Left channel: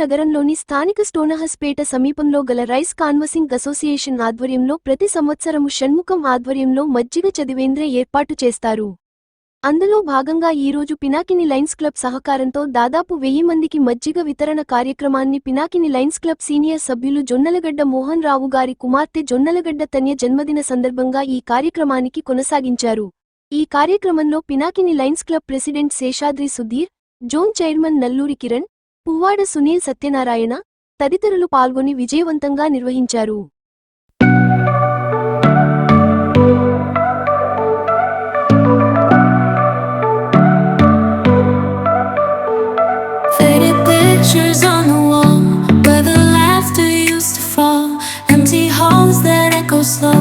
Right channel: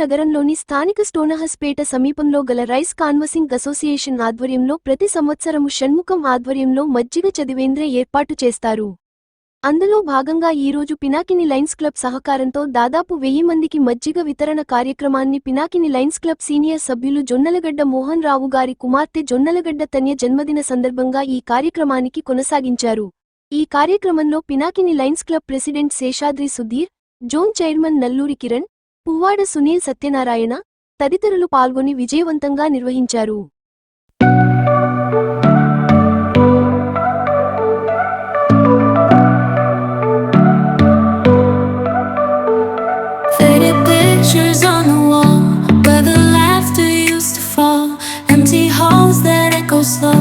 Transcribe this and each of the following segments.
నగరంలోని స్థానిక స్టోనహస్పేట సమీపంలో గల రైస్ కాన్వసింగ్ అసోసియేషన్ ఆధ్వర్యంలో ప్రతి సంవత్సరము షణ్ముఖం ఆధ్వర్యంలో మజ్జిగ చదివేంద్ర ఏర్పాటు చేస్తారు. అందులో భాగంగా ఈరోజు పినాకిని లైన్స్ క్లబ్ సహకారంతో దాదాపు వెయ్యి మందికి మజ్జిగ వితరణ కార్యక్రమాన్ని పినాకిని లైన్స్ క్లబ్ సీనియర్ సభ్యులు జొన్నలగడ్డ మోహన్ రావు గారి కుమార్తె జొన్నలగడ్డ తన్య జన్మదిన సందర్భంగా ఈ కార్యక్రమానికి కొనసాగించారు. ఈ కార్యక్రమంలో Pinakini Lions Club president Seshadri Sudheer zone chairman Nalluri Kiran Puvvada Sunil Satyanarayana తదితరులు పాల్గొని విజయవంతంగా నిర్వహించారు pictures on the wall where the laughter used to fall. Empty halls that echo slow.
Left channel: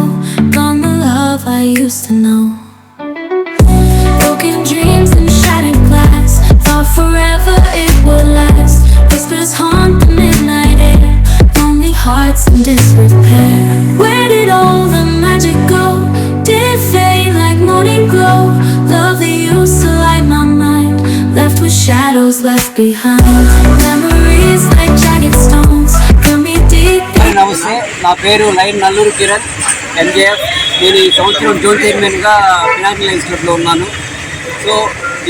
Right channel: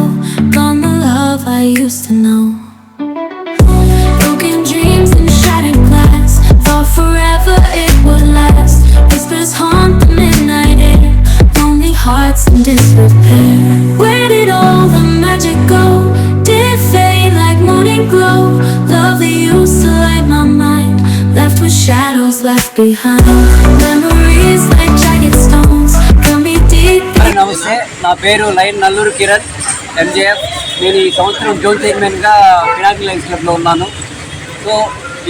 Gone the love I used to know. Broken dreams and shattered glass. Thought forever. Shadows haunt the midnight air. Lonely hearts in disrepair. Where did all the magic go? Did it fade like morning glow? Love that used to light my mind. Left with shadows left behind. Memories like jagged stones. Cut me deep. నమస్తే నా పేరు line Nallur Kiran MJF నేను ఈ సంవత్సరం zone చైర్మన్గా Pinaki lines క్లబ్లో ఉన్నాను so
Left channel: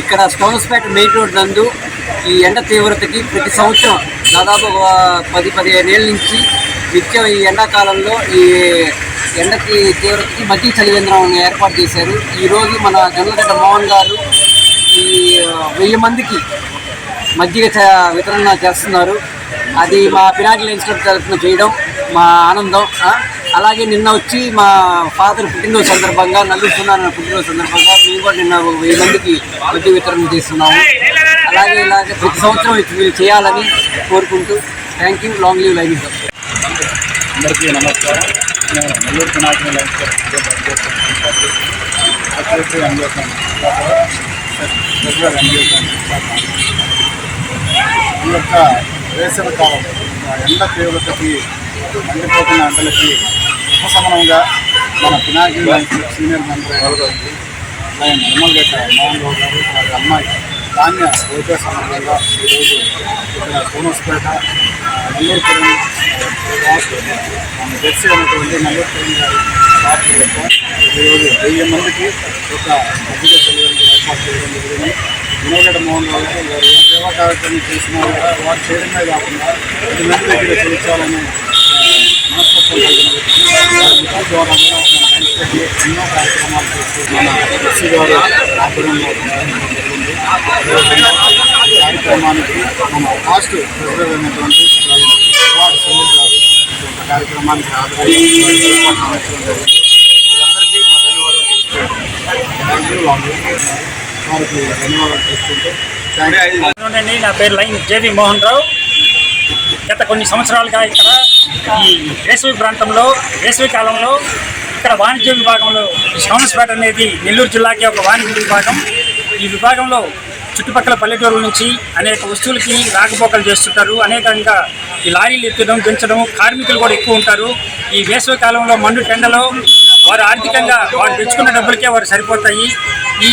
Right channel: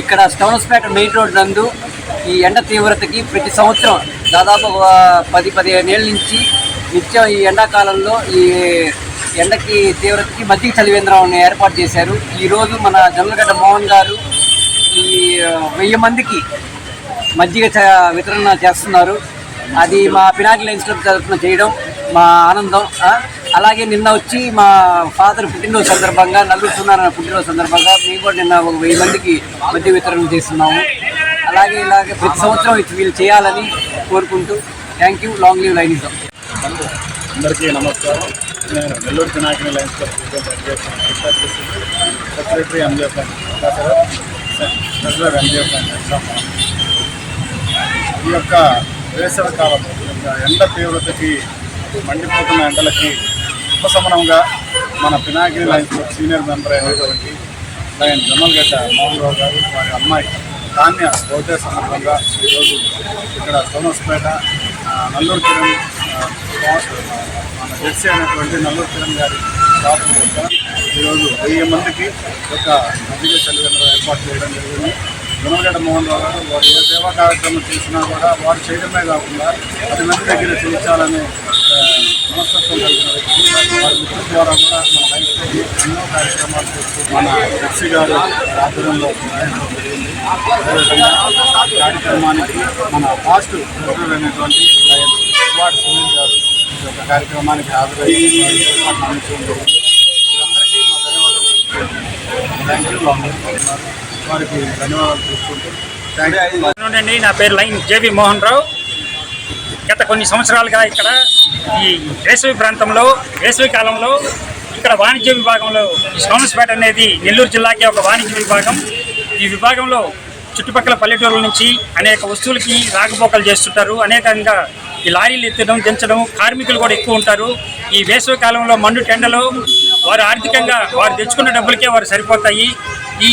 ఇక్కడ స్టౌన్స్పేట మెయిన్ రోడ్ నందు ఈ ఎండ తీవ్రతకి ప్రతి సంవత్సరం దాదాపు ఒక పది పదిహేను ఏళ్ళ నుంచి నిత్యం ఈ ఎండాకాలంలో ఈ ఎండకి తీవ్రతకి మజ్జిగ చలివేంద్రం ఏర్పాటు చేశారు. ఈరోజు మన జొన్నలగడ్డ మోహన్ గారు ఈ వెయ్యి మందికి మజ్జిగ చ- వితరణ చేస్తున్నారు. అది మా పినాకిల్ ఇన్స్టిట్యూట్ తరఫున చేయడం మా ఆనందం. అలాగే నిన్న వచ్చి మా ఫాదర్ పుట్టినరోజు సందర్భంగా నల్లూరు సున్నారాయణ పుట్టినరోజు సందర్భంగా మేము కూడా నిన్న ఒక వెయ్యి మందికి మజ్జిగ వితరణ చేస్తున్నాము. అలాగే ఇలాగే ప్రతి సంవత్సరం వీళ్ళు చేయాలని కోరుకుంటూ thank you long live Lions ఇద్దాం. అందరికీ నమస్కారం. నేను నెల్లూరు పినాకిని లైన్స్ సెక్రటరీ ఎంజేసాను సెక్రటరీ ఎంజేసాను ఈ యొక్క వేసవి కాలం ఎండ తీవ్రతకి మండిపోతున్న ఎండలకి ఉపశమనంగా మన పినాకిని లైన్స్ సీనియర్ మెంబర్ అయినటువంటి లైన్ జమ్మలగడ్డ మోహన్ రావు గారు వారి అమ్మాయి ధాన్య బహుశా సందర్భంగా ఈరోజు ఇక్కడ సోమస్పేట నల్లూరు కిరణ్ మన జెర్సీ అయినటువంటి నల్లూరు కిరణ్ గారి షాప్ యొక్క ఈరోజు వెయ్యి మందికి ఒక మధ్య తల్లిదండ్రులు ఏర్పాటు చేయడం జరిగింది. గుణగడ్డ మోహన్ రావు గారు వారు ఏ సేవా కార్యక్రమం చేసినా కూడా వారు చేయడమే కాకుండా పది మంది దగ్గర చేయించాలనే మనస్తత్వం కలిగిన వారి ద్వారా కూడా మన రైతులకి ఎన్నో కార్యక్రమాలు చేస్తూ మన ఎస్సీ గారు ఆధ్వర్యంలో జరిగింది అదేవిధంగా కార్యక్రమానికి మన ఫాస్ట్ ప్రెసిడెంట్ అయినటువంటి వార్డు సునీల్ గారు ఒక కార్యక్రమానికి హాజరై వారికి ధన్యవాదాలు తెలుసుకుంటూ నా పేరు లైన్ జేబీ మోహన్ రావు గత కొన్ని సంవత్సరాలుగా ఇక్కడ ఈ వేసవి ప్రాంతంలో వేసవి కాలంలో ఇక్కడ వాణిజ్య విభాగంలో సోమస్పేట అనేది నెల్లూరు జిల్లాకి ఒక వాణిజ్య విభాగం. ఈ విభాగంలో చుట్టుపక్కల పల్లెటూరుల నుంచి అనేక వస్తువులకి రాకపోకలు చేస్తుంటారు. అనేకంగా ఈ లారీలు ఎత్తడం దించడం కార్మికులు కూడా ఎక్కువ ఉంటారు. ఈ వేసవి కాలంలో మండు టెండలో వారు ఆర్థికంగా వారు తెచ్చుకున్న డబ్బులకే వారు సరిపోతాయి. ఈ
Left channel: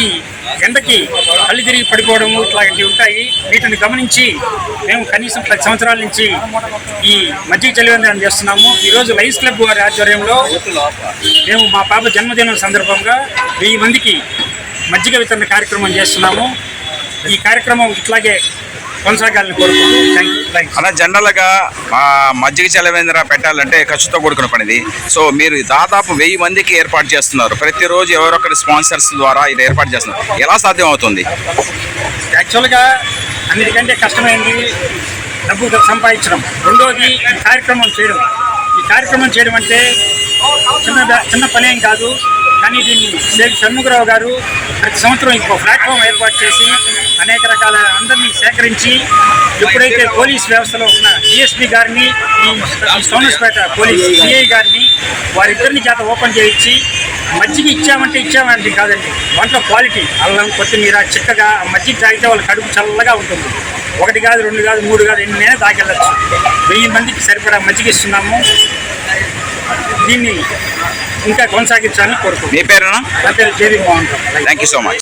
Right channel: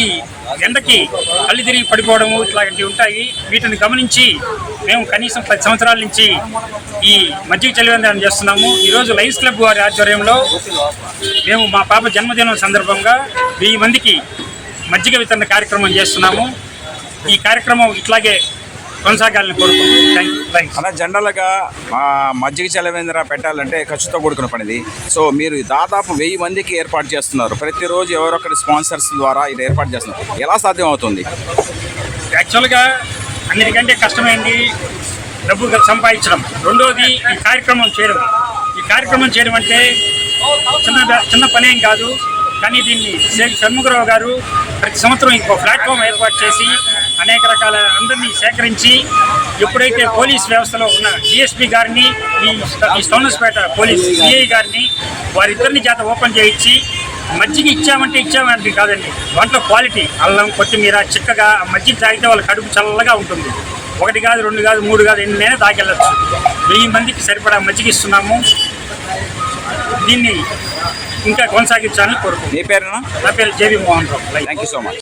ఎండకి కళ్ళు తిరిగి పడిపోవడము ఇట్లాంటివి ఉంటాయి. వీటిని గమనించి మేము కనీసం పది సంవత్సరాల నుంచి ఈ మజ్జిగ చలివేంద్రం చేస్తున్నాము. ఈరోజు లైన్స్ క్లబ్ వారి ఆధ్వర్యంలో మేము మా పాప జన్మదినం సందర్భంగా వెయ్యి మందికి మజ్జిగ వితరణ కార్యక్రమం చేస్తున్నాము. ఈ కార్యక్రమం ఇట్లాగే కొనసాగాలని కోరుకుంటున్నాం. అలా జనరల్గా మా మజ్జిగ చలవేంద్ర పెట్టాలంటే ఖర్చుతో కూడుకున్న పనిది. సో మీరు దాదాపు వెయ్యి మందికి ఏర్పాటు చేస్తున్నారు. ప్రతిరోజు ఎవరొకరి స్పాన్సర్స్ ద్వారా ఇది ఏర్పాటు చేస్తున్నారు. ఎలా సాధ్యం అవుతుంది యాక్చువల్గా అన్నిటికంటే కష్టమైంది డబ్బు సంపాదించడం. రెండోది ఈ కార్యక్రమం చేయడం. ఈ కార్యక్రమం చేయడం అంటే చిన్న చిన్న పని ఏం కాదు. కానీ దీన్ని శేఖ్ షణ్ముఖరావు గారు ప్రతి సంవత్సరం ఇంకో ప్లాట్ఫామ్ ఏర్పాటు చేసి అనేక రకాల అందరినీ సేకరించి ఎప్పుడైతే పోలీస్ వ్యవస్థలో ఉన్న డిఎస్పీ గారిని ఈ సోనస్పేట పోలీస్ సిఐ గారిని వారిద్దరిని చేత ఓపెన్ చేయించి మజ్జిగ ఇచ్చామంటే ఇచ్చామంటే కాదండి. దాంట్లో క్వాలిటీ అల్లం కొత్తిమీర చిక్కగా మజ్జిగ తాగితే వాళ్ళ కడుపు చల్లగా ఉంటుంది. ఒకటి కాదు రెండు కాదు మూడు కాదు ఎన్నైనా తాగెళ్ళచ్చు. వెయ్యి మందికి సరిపడా మజ్జిగ ఇస్తున్నాము. దీన్ని ఇంకా కొనసాగించాలని కోరుకుంటున్నాను నా పేరు J V Mohan Rao. Thank you so much